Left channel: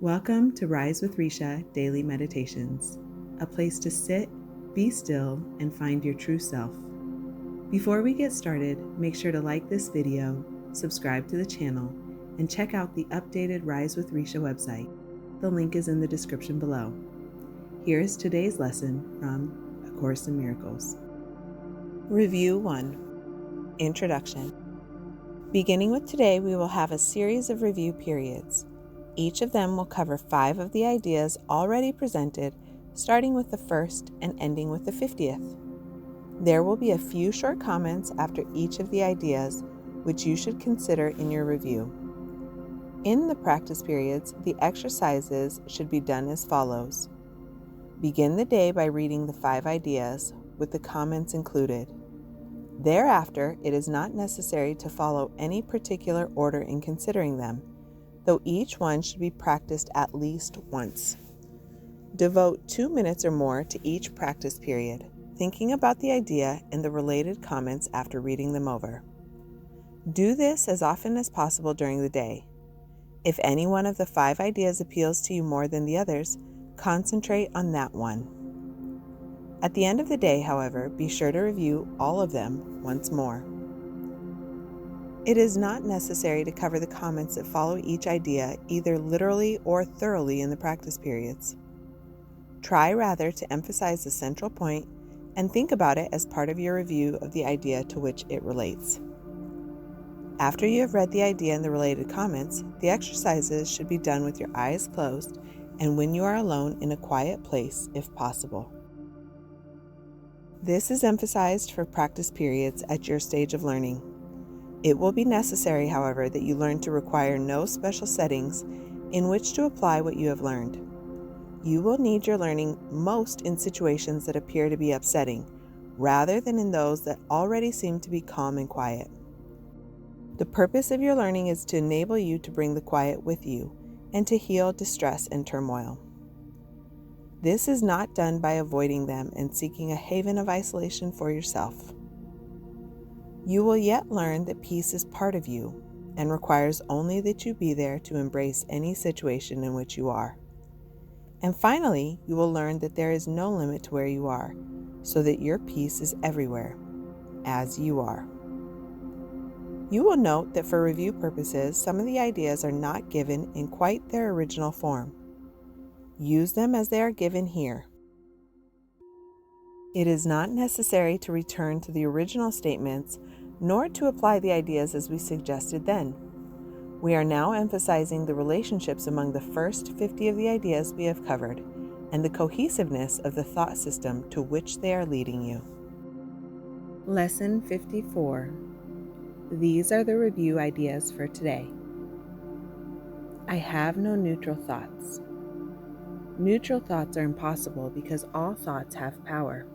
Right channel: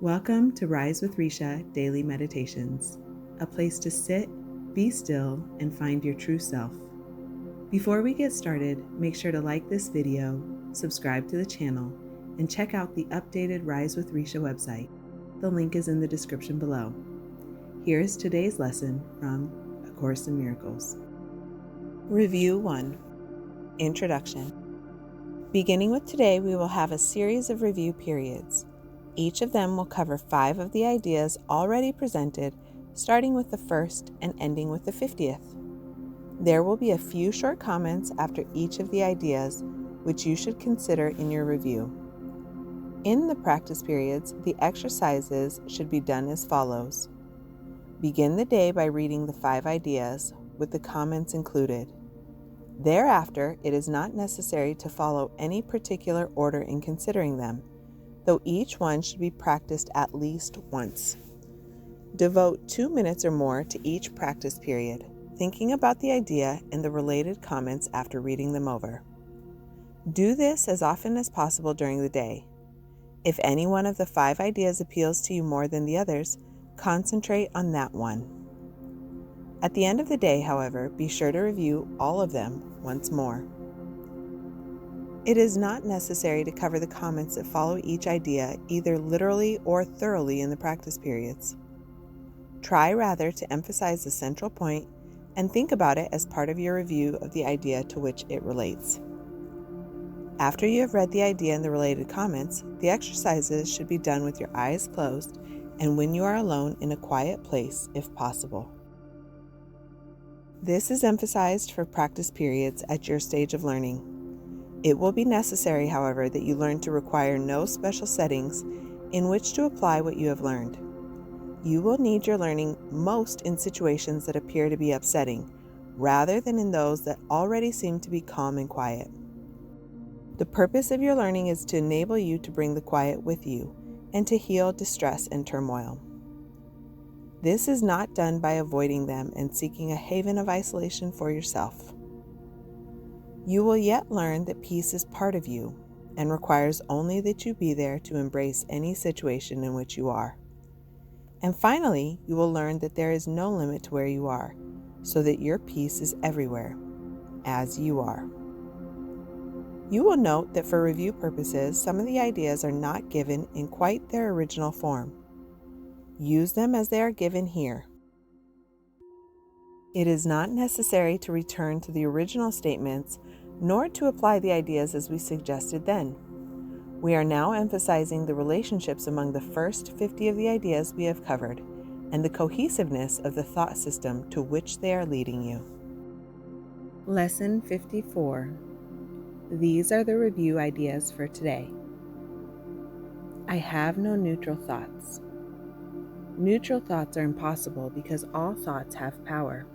Welcome to Rise with Recia Daily Meditations, a place to sit, be still, and find your true self. Before we get started, make sure to like this video, subscribe to the channel, and check out the updated Rise with Recia website. The link is in the description below. Here is today's lesson from A Course in Miracles. Review 1. Introduction. Beginning with today, we will have a series of review periods. Each of them will cover 5 of the ideas already presented, starting with the first and ending with the 50th. There will be a few short comments after each of the ideas, which you should consider in your review. In the practice periods, the exercises should be done as follows. Begin the day by reading the 5 ideas, with the comments included. Thereafter, it is not necessary to follow any particular order in considering them, though each one should be practiced at least once. Devote 2 minutes or more to each practice period, thinking about the idea and the related comments after reading them over. Do this as often as possible during the day. If any one of the 5 ideas appeals to you more than the others, concentrate on that one. At the end of the day, however, be sure to review all of them once more. It is not necessary to cover the comments that follow each idea either literally or thoroughly in the practice periods. Try rather to emphasize the central point and think about it as part of your review of the idea to which it relates. After you have read the idea and the related comments, the exercises should be done with your eyes closed and when you are alone in a quiet place if possible. This is emphasized for practice periods at your stage of learning. It will be necessary, however, that you learn to require no special settings in which to apply what you have learned. You will need your learning most in situations that appear to be upsetting, rather than in those that already seem to be calm and quiet. The purpose of your learning is to enable you to bring the quiet with you and to heal distress and turmoil. This is not done by avoiding them and seeking a haven of isolation for yourself. You will yet learn that peace is part of you and requires only that you be there to embrace any situation in which you are. And finally, you will learn that there is no limit to where you are, so that your peace is everywhere, as you are. You will note that for review purposes, some of the ideas are not given in quite their original form. Use them as they are given here. It is not necessary to return to the original statements nor to apply the ideas as we suggested then. We are now emphasizing the relationships among the first 50 of the ideas we have covered and the cohesiveness of the thought system to which they are leading you. Lesson 54. These are the review ideas for today. I have no neutral thoughts. Neutral thoughts are impossible because all thoughts have power.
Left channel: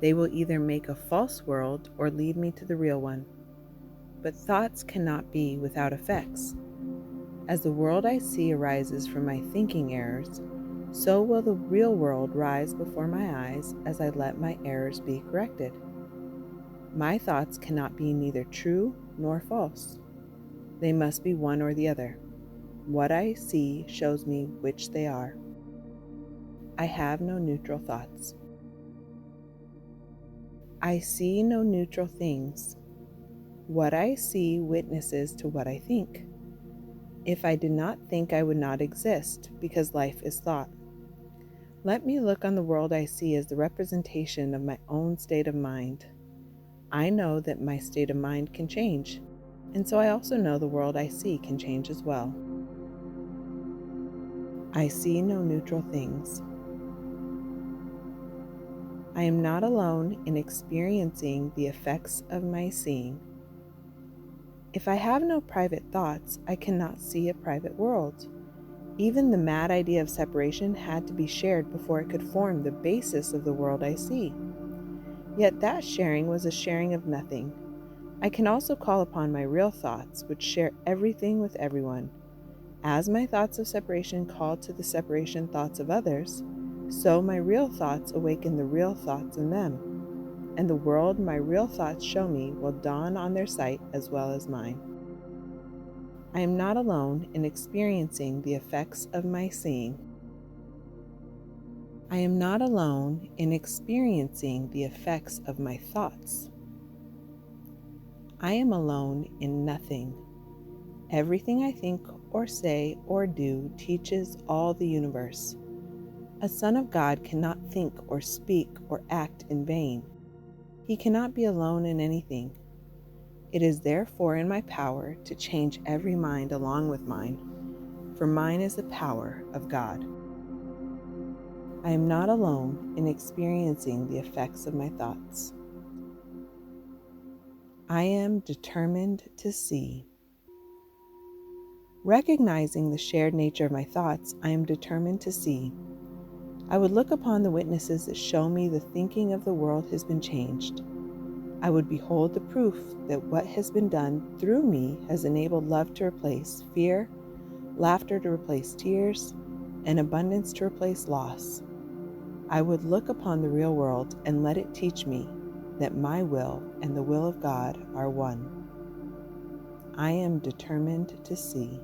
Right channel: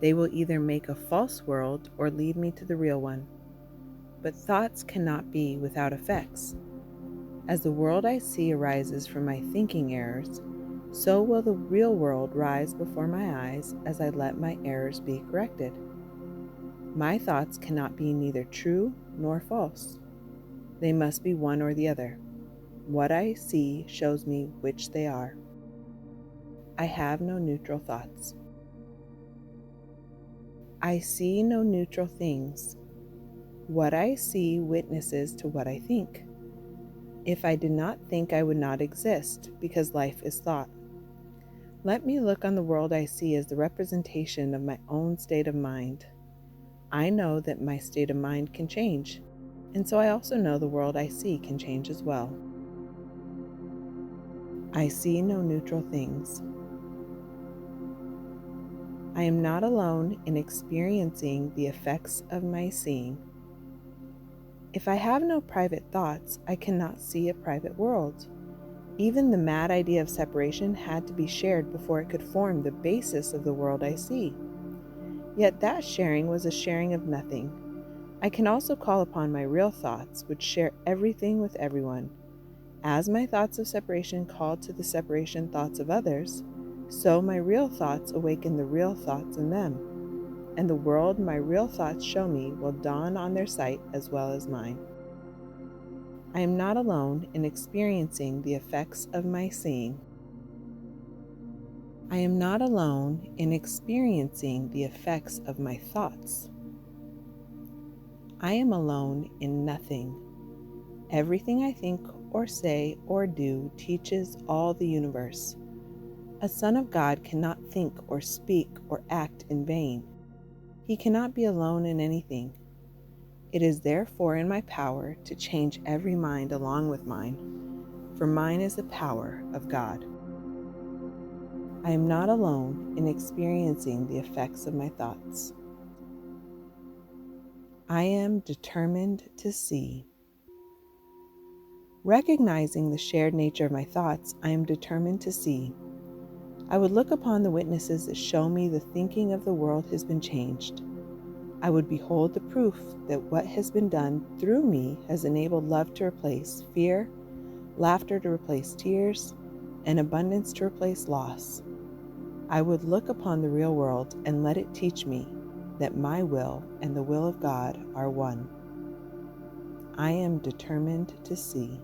They will either make a false world or lead me to the real one. But thoughts cannot be without effects. As the world I see arises from my thinking errors, so will the real world rise before my eyes as I let my errors be corrected. My thoughts cannot be neither true nor false. They must be one or the other. What I see shows me which they are. I have no neutral thoughts. I see no neutral things. What I see witnesses to what I think. If I did not think, I would not exist, because life is thought. Let me look on the world I see as the representation of my own state of mind. I know that my state of mind can change, and so I also know the world I see can change as well. I see no neutral things. I am not alone in experiencing the effects of my seeing. If I have no private thoughts, I cannot see a private world. Even the mad idea of separation had to be shared before it could form the basis of the world I see. Yet that sharing was a sharing of nothing. I can also call upon my real thoughts, which share everything with everyone. As my thoughts of separation call to the separation thoughts of others, so my real thoughts awaken the real thoughts in them, and the world my real thoughts show me will dawn on their sight as well as mine. I am not alone in experiencing the effects of my seeing. I am not alone in experiencing the effects of my thoughts. I am alone in nothing. Everything I think or say or do teaches all the universe. A son of God cannot think or speak or act in vain. He cannot be alone in anything. It is therefore in my power to change every mind along with mine, for mine is the power of God. I am not alone in experiencing the effects of my thoughts. I am determined to see. Recognizing the shared nature of my thoughts, I am determined to see. I would look upon the witnesses that show me the thinking of the world has been changed. I would behold the proof that what has been done through me has enabled love to replace fear, laughter to replace tears, and abundance to replace loss. I would look upon the real world and let it teach me that my will and the will of God are one. I am determined to see.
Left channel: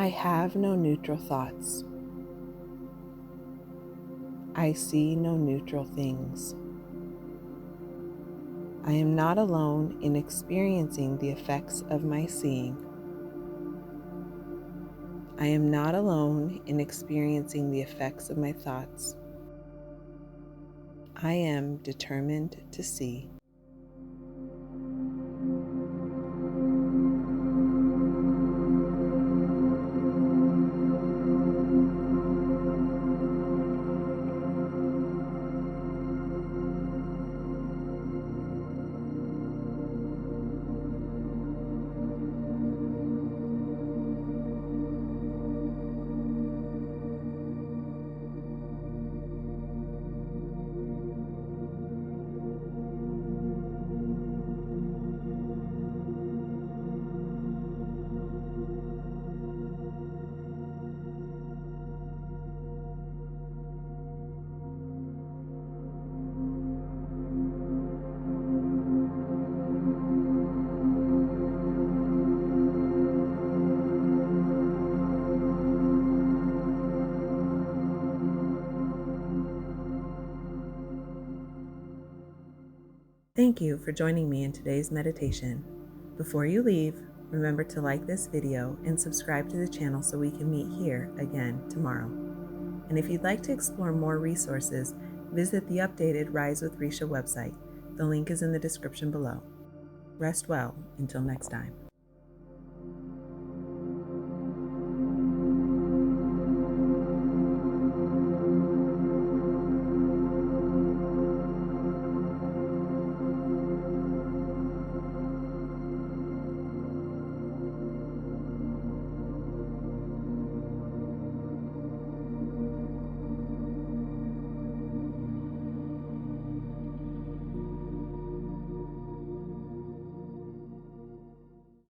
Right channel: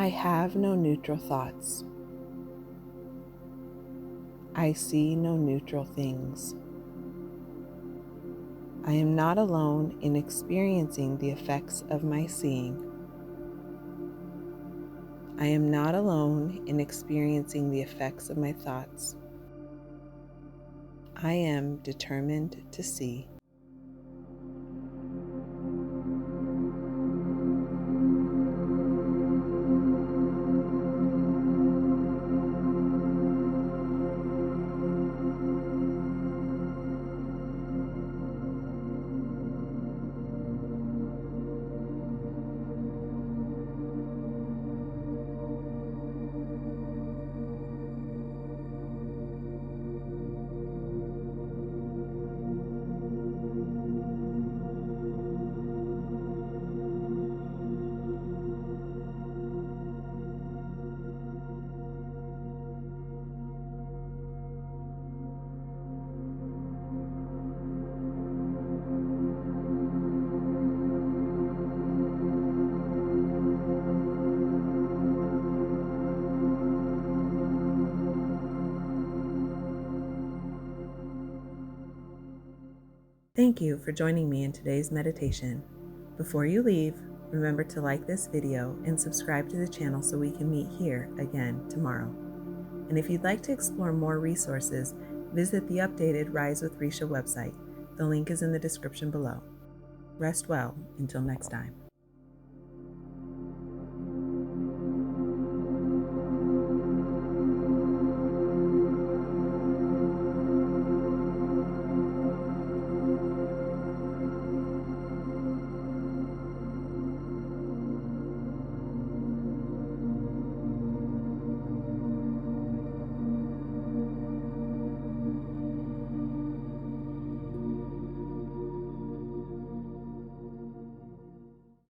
I have no neutral thoughts. I see no neutral things. I am not alone in experiencing the effects of my seeing. I am not alone in experiencing the effects of my thoughts. I am determined to see. Thank you for joining me in today's meditation. Before you leave, remember to like this video and subscribe to the channel so we can meet here again tomorrow. And if you'd like to explore more resources, visit the updated Rise with Recia website. The link is in the description below. Rest well until next time.